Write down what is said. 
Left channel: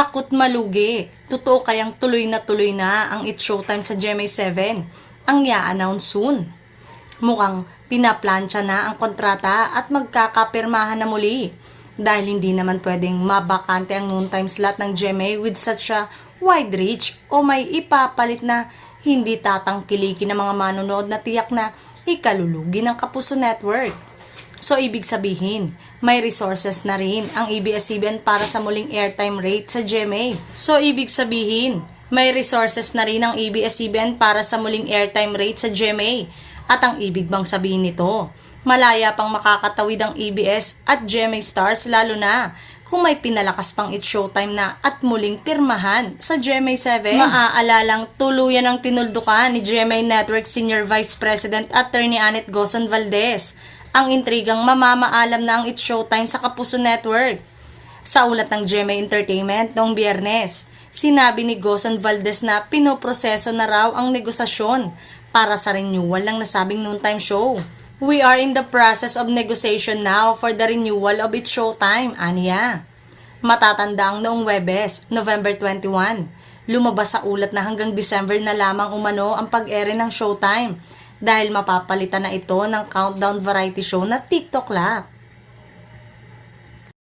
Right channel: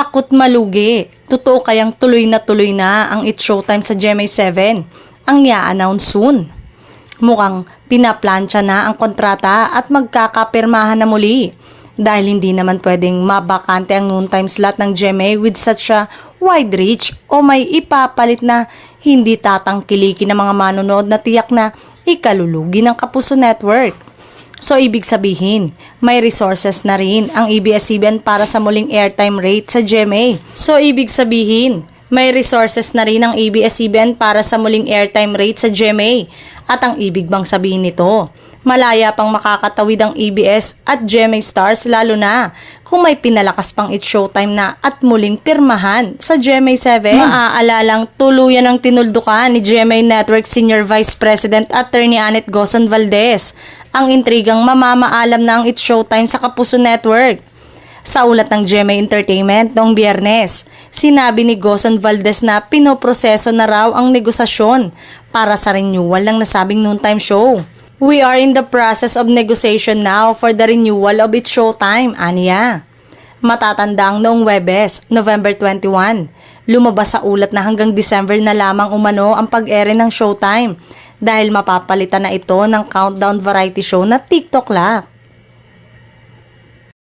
Takot malugi. Totoo kayang tuloy na ang It's Showtime sa GMA7? Ang i-announce soon. Mukhang pinaplansya na ang kontrata at magkakapirmahan na muli. Dahil hindi naman pwedeng mabakante ang noontime slot ng GMA with such a wide reach o may ipapalit na hindi tatangkilikin ng mga manonood na tiyak na ikalulugi ng Kapuso Network. So ibig sabihin, may resources na rin ang ABS-CBN para sa muling airtime rate sa GMA. So ibig sabihin, may resources na rin ang ABS-CBN para sa muling airtime rate sa GMA. At ang ibig bang sabihin nito, malaya pang makakatawid ang ABS at GMA Stars lalo na kung may pinalakas pang It's Showtime na at muling pirmahan sa GMA7. Maaalalang tuluyan ang tinuldukan ni GMA Network Senior Vice President Attorney Annette Gozon Valdez ang intrigang mamamaalam na ang It's Showtime sa Kapuso Network. Sa ulat ng GMA Entertainment noong Biyernes, sinabi ni Gozon Valdez na pinoproseso na raw ang negosasyon para sa renewal ng nasabing noontime show. We are in the process of negotiation now for the renewal of It's Showtime, aniya. Matatanda ang noong Webes, November 21, lumabas sa ulat na hanggang December na lamang umano ang pag-ere ng Showtime dahil mapapalitan na ito ng countdown variety show na TikTok Lock.